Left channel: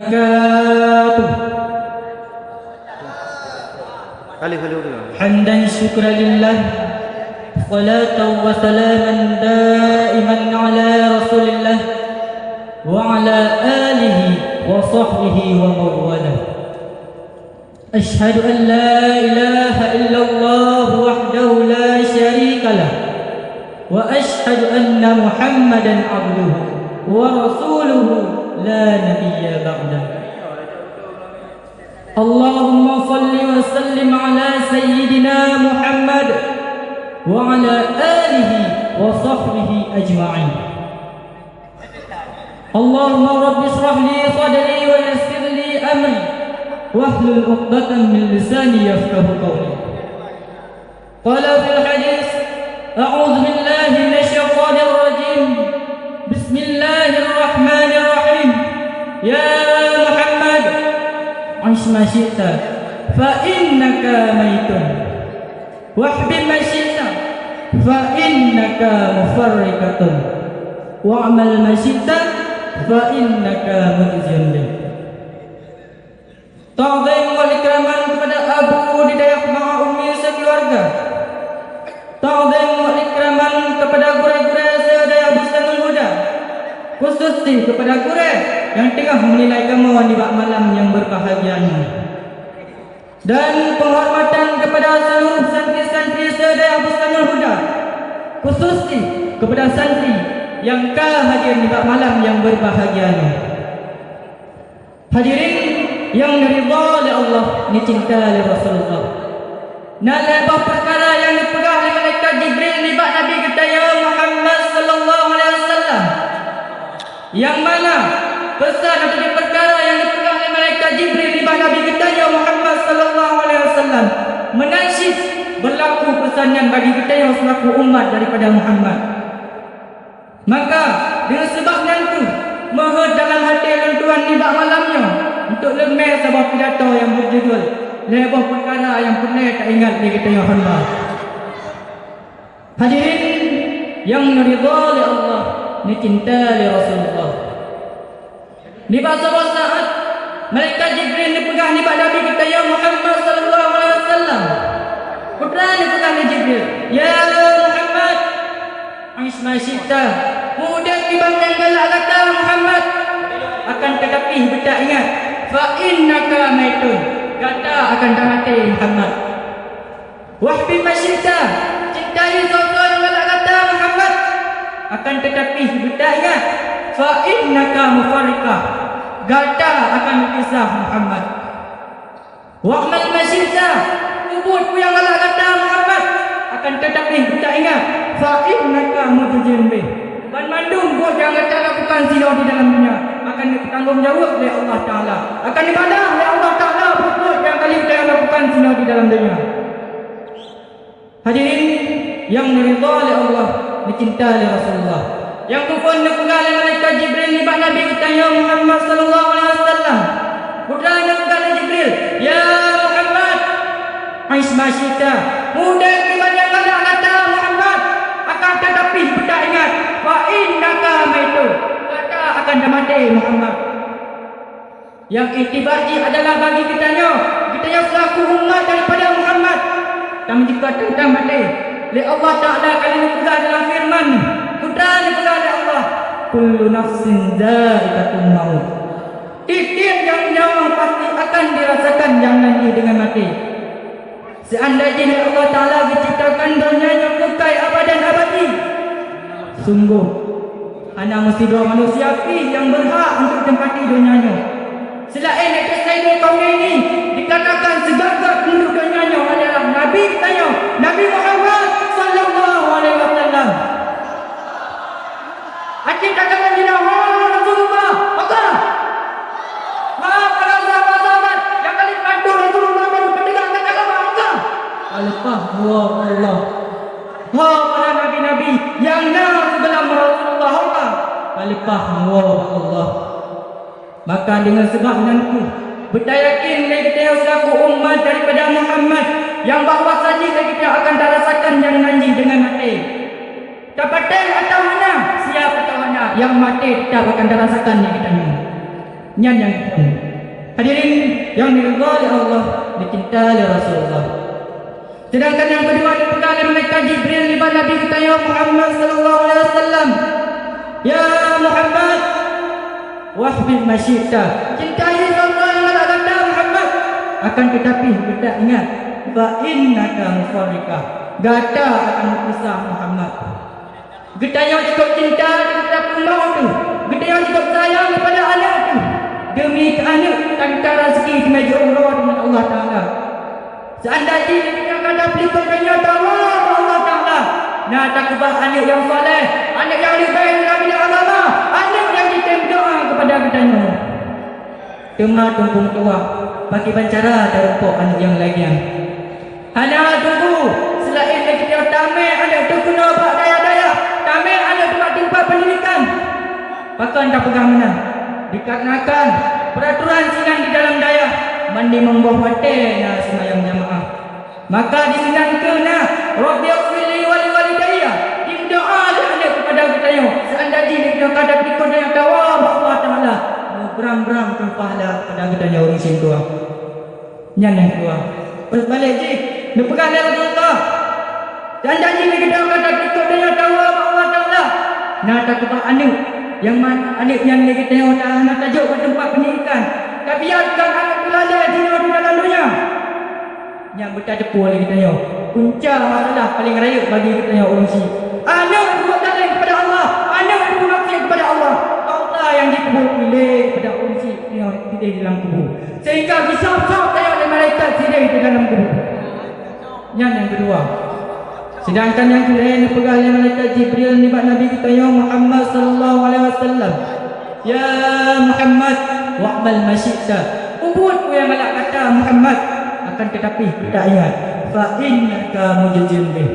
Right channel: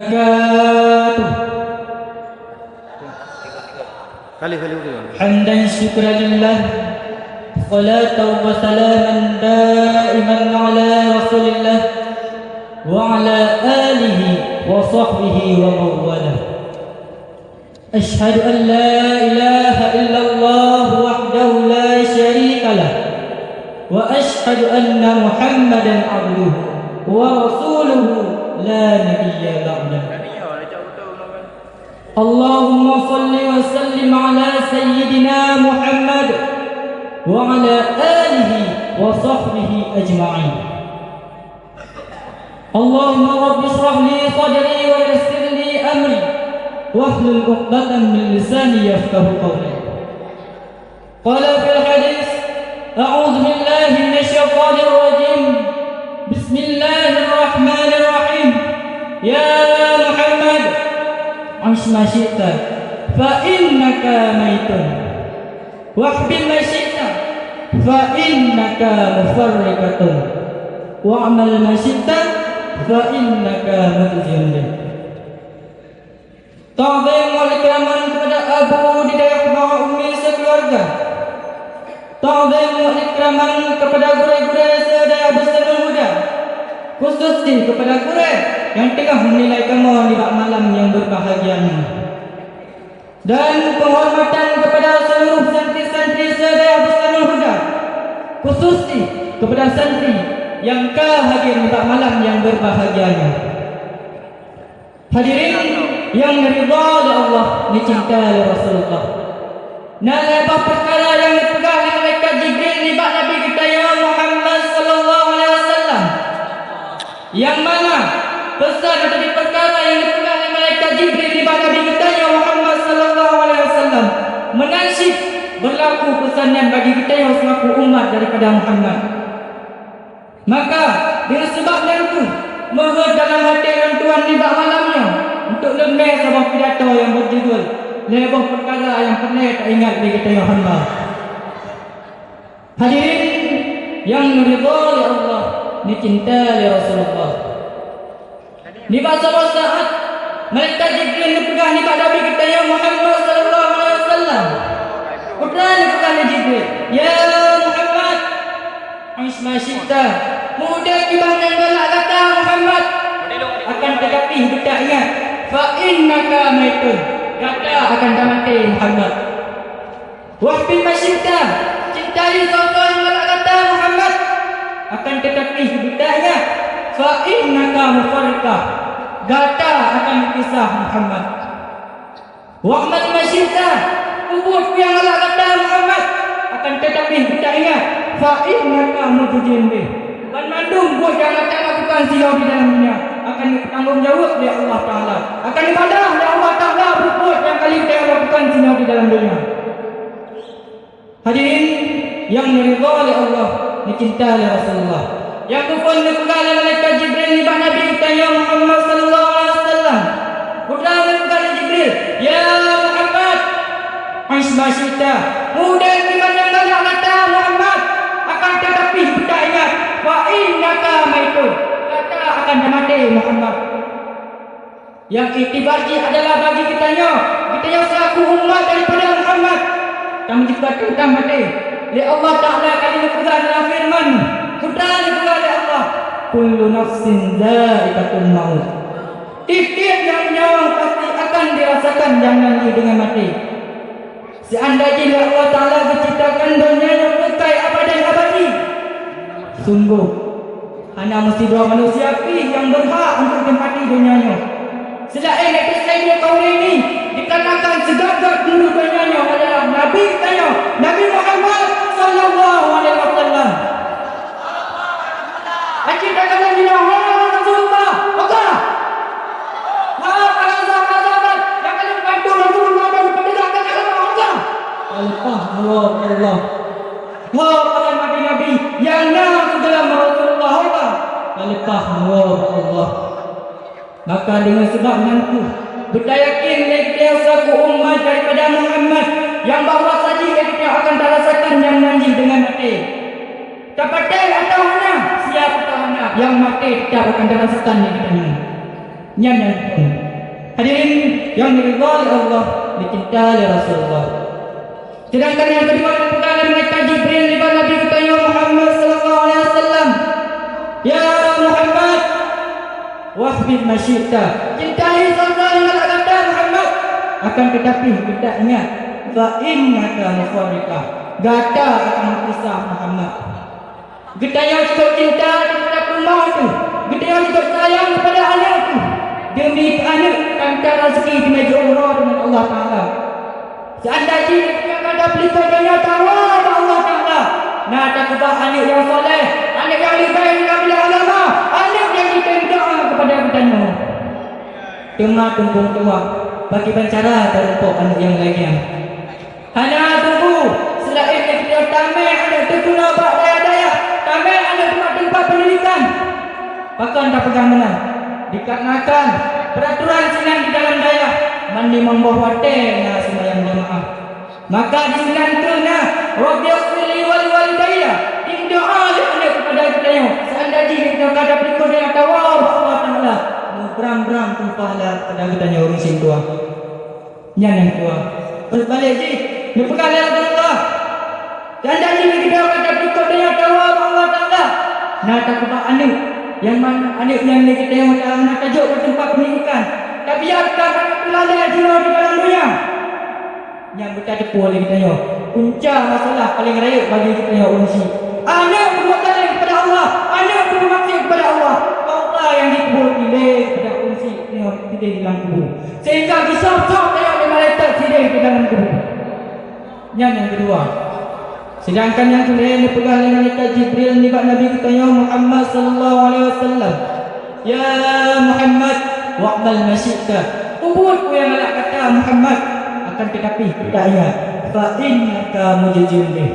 وبركاته. حمدا شكرا لله، صلاة وسلاما دائما على رسول الله وعلى آله وصحبه ومن والاه. أشهد أن لا إله إلا الله وحده لا شريك له، وأشهد أن محمدا عبده ورسوله لا نبي بعده. اللهم صل وسلم على سيدنا محمد وعلى آله وصحبه أجمعين. اللهم رب اشرح لي صدري ويسر لي أمري واحلل عقدة من لساني يفقهوا قولي. قال في الحديث: أعوذ بالله من الشيطان الرجيم، بسم الله الرحمن الرحيم. يا محمد عش ما شئت فإنك ميت، واحبب ما شئت فإنك مفرقة، واعمل ما شئت فإنك متجل. Ta'zim wal ikraman kepada Abu Didayah ma'a ummi sekeluarga. Ta'zim wal ikraman kepada guru-guru sedaya bersama muda, khususnya kepada guru yang tengah menilai kamu di malam yang berbahagia ini. Dan penghormatan kepada seluruh santri-santri sedaya bersama muda, khususnya kepada santri yang hadir di malam yang berbahagia ini. Hadirin yang diridha oleh Allah, dicintai oleh Rasulullah. Nalabah perkara yang dipegang oleh malaikat Jibril di bawah Nabi kita ya Muhammad sallallahu alaihi wasallam, yang mana pesan atau perkara yang dipegang oleh malaikat Jibril di bawah Nabi kita ya Muhammad sallallahu alaihi wasallam menasib berlaku pesanan bagi kita yang selaku umat daripada Muhammad. Maka dengan sebabnya itu, mohon dalam hati yang Tuhan di bawah malamnya untuk lemah sebuah pidato yang berjudul lebih perkara yang pernah tak ingat di kita Muhammad. Hadirin yang diridha oleh Allah, dicintai oleh Rasulullah. Di masa-masa saat malaikat Jibril dipegang di bawah Nabi kita yang Muhammad sallallahu alaihi wasallam. Kemudian dipegang Jibril, ya Muhammad, aish ma syi'ta. Mudah kibang yang galak kata Muhammad, akan tetapi betak ingat, fa innaka maitun, kata akan mati Muhammad. Wahbi masyita, cintai sesuatu yang galak kata Muhammad, akan tetapi betak ingat, fa innaka mufarriqah, kata akan kisah Muhammad. Wahmat masyita, ubud yang galak kata Muhammad, akan tetapi betak ingat, fa innaka mutujinbih. Bandung buat yang macam lakukan zina di dalam dunia akan ditanggung jawab oleh Allah Ta'ala, akan dibadah oleh Allah Ta'ala berbuat yang kali kita lakukan zina di dalam dunia. Hadirin yang diridha oleh Allah, dicintai oleh Rasulullah, yang bukan dipegang oleh malaikat Jibril di bawah Nabi kita ya Muhammad sallallahu alaihi wasallam. Bukan dipegang Jibril, ya Muhammad aish ma syi'ta. Mudah kita yang galak kata Muhammad, akan tetapi kita ingat, wa innaka maitun, kata akan mati Muhammad. Yang itibari adalah bagi kita yang selaku umat daripada Muhammad, dan jika kita mati li Allah Ta'ala kali berkata dalam firman kita oleh Allah, kullu nafsin dha'iqatul maut, tiap yang nyawa pasti akan dirasakan yang nanti dengan mati. Seandainya Allah Ta'ala menciptakan dunia yang kekal abadan abadi, sungguh hanya mesti dua manusia yang berhak untuk tempati dunianya. Selain itu saya kaum ini dikatakan segala penduduk dunianya adalah Nabi saya, Nabi Muhammad sallallahu alaihi wasallam. Akan katakan bina Rasulullah Allah. Malah para sahabat yang kali bantu Rasulullah dan pendidikan agama Allah. Allah. Para nabi-nabi yang nama dalam Rasulullah Allah, alipah Allah. Maka dengan sebab itu berdayakin kita selaku umat daripada Muhammad yang bahawa saja kita akan terasakan yang nanti dengan mati. Kepada atau mana siapa tahu mana yang mati kita akan terasakan yang kita ini. Nyan hadirin yang diridhai Allah, dicintai Rasulullah. Sedangkan yang kedua dipegang oleh malaikat Jibril di mana Nabi kita ya Muhammad sallallahu alaihi wasallam. Ya Muhammad, wahbib masyita. Cintai sallallahu alaihi wasallam Muhammad. Akan tetapi kita ingat, fa innaka mufarriqah. Gata akan berpisah Muhammad. Kita yang cukup cinta kepada mau tu, kita yang cukup sayang kepada anak tu, demi anak antara rezeki di meja Allah dengan Allah Taala. Seandainya yang ada pelitanya tawa Allah Taala, nak tak kubah anak yang soleh, anak yang dibaik bila Allah, anak yang kita doa kepada kita. Tengah tumpung tua, bagi bancara dan untuk anak yang lainnya. Anak tunggu, selain kita tamai anak tu kena buat daya-daya, tamai anak tempat pendidikan. Bahkan tak pegang menang. Dikarenakan peraturan sinan di dalam daya mandi membawa watena sembahyang jemaah. Maka disinangkannya Rabbighfirli wa liwalidayya. Doa anak kepada kita. Seandainya kita kata berikut yang tawab Allah Taala, beram-beram tumpahlah kepada kita urusin tua. Yang tua. Terus balik sih, berpegang dengan Allah. Dan jadi kita kata berikut dengan tawab Allah Taala. Nak takut anak yang mana anak yang kita tengok nak tajuk ke tempat pendidikan. Tak biarkan anak pelanda di dalam dunia. Yang bertadepur oleh kita tengok. Punca masalah paling raya bagi kita tengok urusi. Anak berbuat kepada Allah. Anak berbuat kepada Allah. Allah yang dikubur pilih kepada urusi tengok kita di dalam kubur. Sehingga besar-besar kayak ada malaikat sidai di dalam kubur. Yang kedua. Sedangkan yang kedua dipegang oleh malaikat Jibril ni Nabi kita ya Muhammad sallallahu alaihi wasallam. Ya Muhammad wa'mal masyita. Ubud yang Allah kata Muhammad, akan tetapi kita ingat fa innaka mujizillah.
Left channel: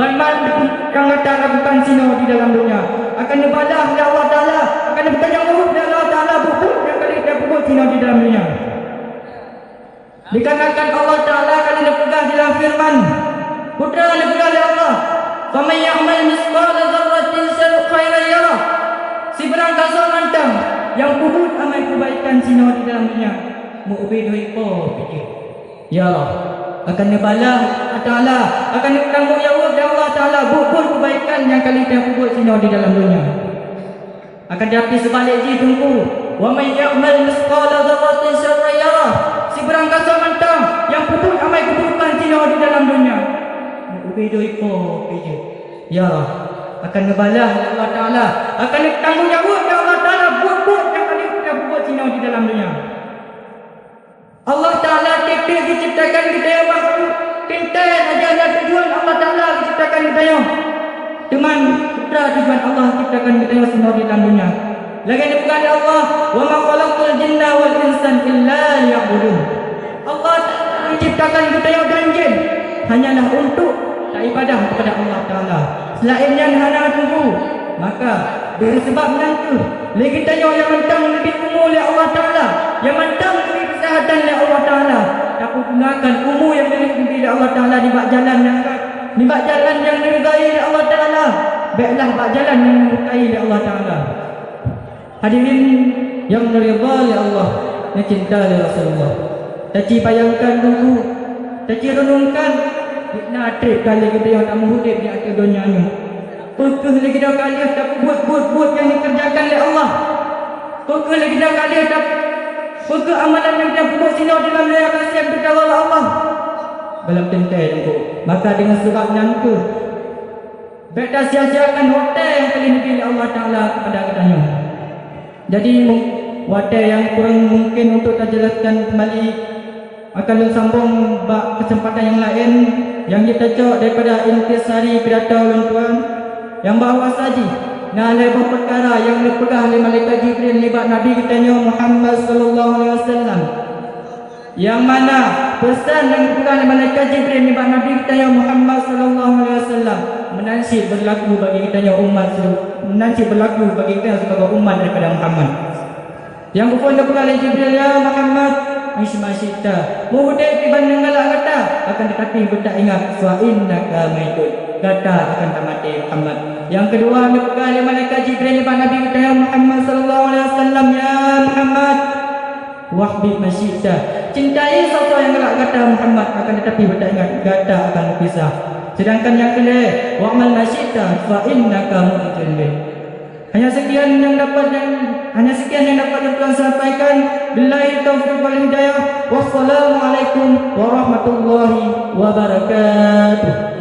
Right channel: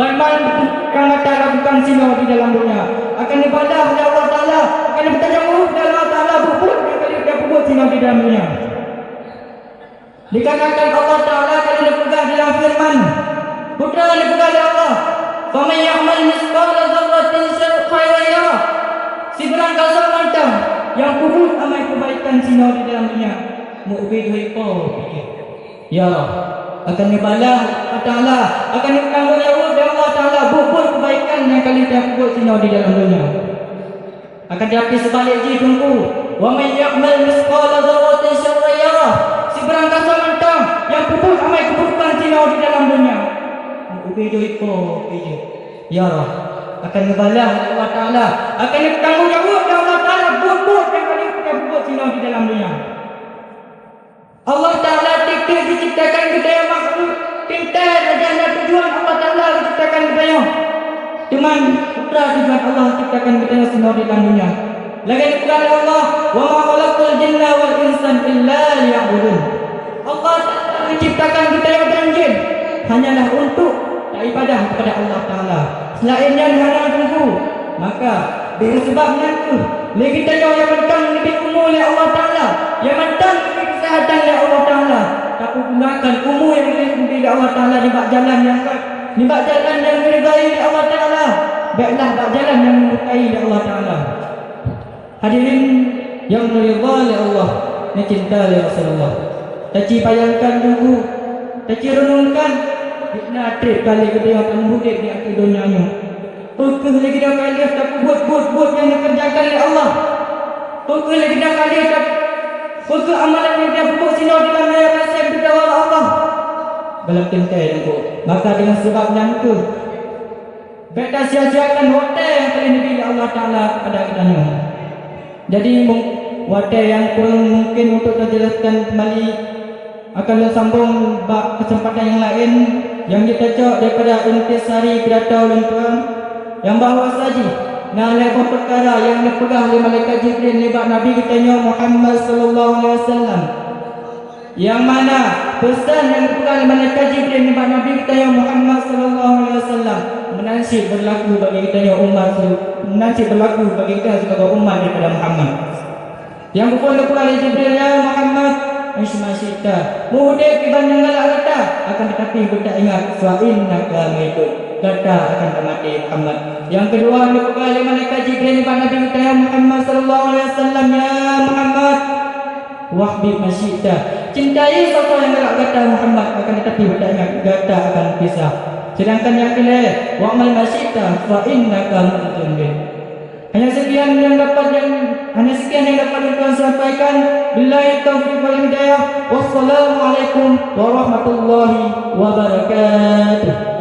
Barman yang kata lakukan sini di dalam dunia akan dibalas oleh Allah Taala, akan bertanya oleh Allah Taala berubud yang kali dia ubud sini di dalam dunia. Dikatakan Allah Taala kali dia pegang dalam firman putra dipegang oleh Allah. Faman ya'mal mithqala dzarratin khairan yarah. Si berang kasar mantap yang kubur amal kebaikan sini di dalam dunia. Mu'bid itu ya akan dibalas Allah Taala, akan ditanggung jawab oleh Allah Taala buat kebaikan yang kali dia buat sini di dalam dunia. Akan diapi sebalik di tunggu. Wa may ya'mal mithqala dzarratin syarran yarah. Si berang kasar mantap yang kubur amal keburukan sini di dalam dunia. Mu'bid itu ya akan dibalas Allah Taala, akan ditanggung jawab oleh Allah Taala buat yang kali dia buat sini di dalam dunia. Allah Ta'ala tidak diciptakan kita yang makhluk. Tidak ada tujuan Allah Ta'ala diciptakan kita yang. Cuma putra tujuan Allah diciptakan kita yang semua di dalam dunia. Lagi dikatakan Allah, wa ma khalaqtul jinna wal insan illa liya'budun. Allah Ta'ala menciptakan kita yang dan jin hanyalah untuk ibadah kepada Allah Ta'ala. Selainnya hanya tunggu. Maka dengan sebab nanti lagi kita yang mentang lebih umur oleh Allah Ta'ala, yang mentang lebih kesehatan oleh Allah Ta'ala, tapi gunakan umur yang lebih oleh Allah Ta'ala di bak jalan yang diridai oleh Allah Ta'ala. Baiklah bak jalan yang diridai oleh Allah Ta'ala. Hadirin yang diridai oleh Allah, yang cinta oleh Rasulullah. Taci bayangkan dulu, taci renungkan, fitnah trip kali kita yang tak mudik di akhir dunia ni. Fokus lagi dah kali tapi buat yang dikerjakan oleh Allah. Fokus lagi dah kali tapi fokus amalan yang dia buat sini dalam layar nasib bertawal Allah. Dalam tentai itu. Maka dengan sebab nanti beta sia-siakan hotel yang telah diberi Allah Ta'ala kepada kita ni. Jadi hotel yang kurang mungkin untuk kita jelaskan kembali, akan sambung kesempatan yang lain yang ditajuk daripada intisari kedata ulun tuan. Yang bahawa saji nalai perkara yang dipegang oleh malaikat Jibril libat Nabi kita Muhammad sallallahu alaihi wasallam. Yang mana pesan yang dipegang oleh malaikat Jibril libat Nabi kita Muhammad sallallahu alaihi wasallam menasib berlaku bagi kita umat, menasib berlaku bagi kita sebagai umat daripada Muhammad. Yang dipegang oleh Jibril ya Muhammad Masyidah mudah dibanding Allah kata akan tetapi kita ingat wa innaka maitun, kata akan mati Muhammad. Yang kedua dipegang oleh malaikat Jibril kepada Nabi kita Muhammad sallallahu alaihi wasallam ya Muhammad wahdi masyita. Cintai siapa yang gelak kata Muhammad, akan tetapi tak ingat kata akan kisah. Sedangkan yang kedua, wa'mal masyita fa innaka mu'jallin. Hanya sekian yang dapat Tuhan sampaikan. Billahi taufiq wal hidayah. Wassalamualaikum warahmatullahi wabarakatuh.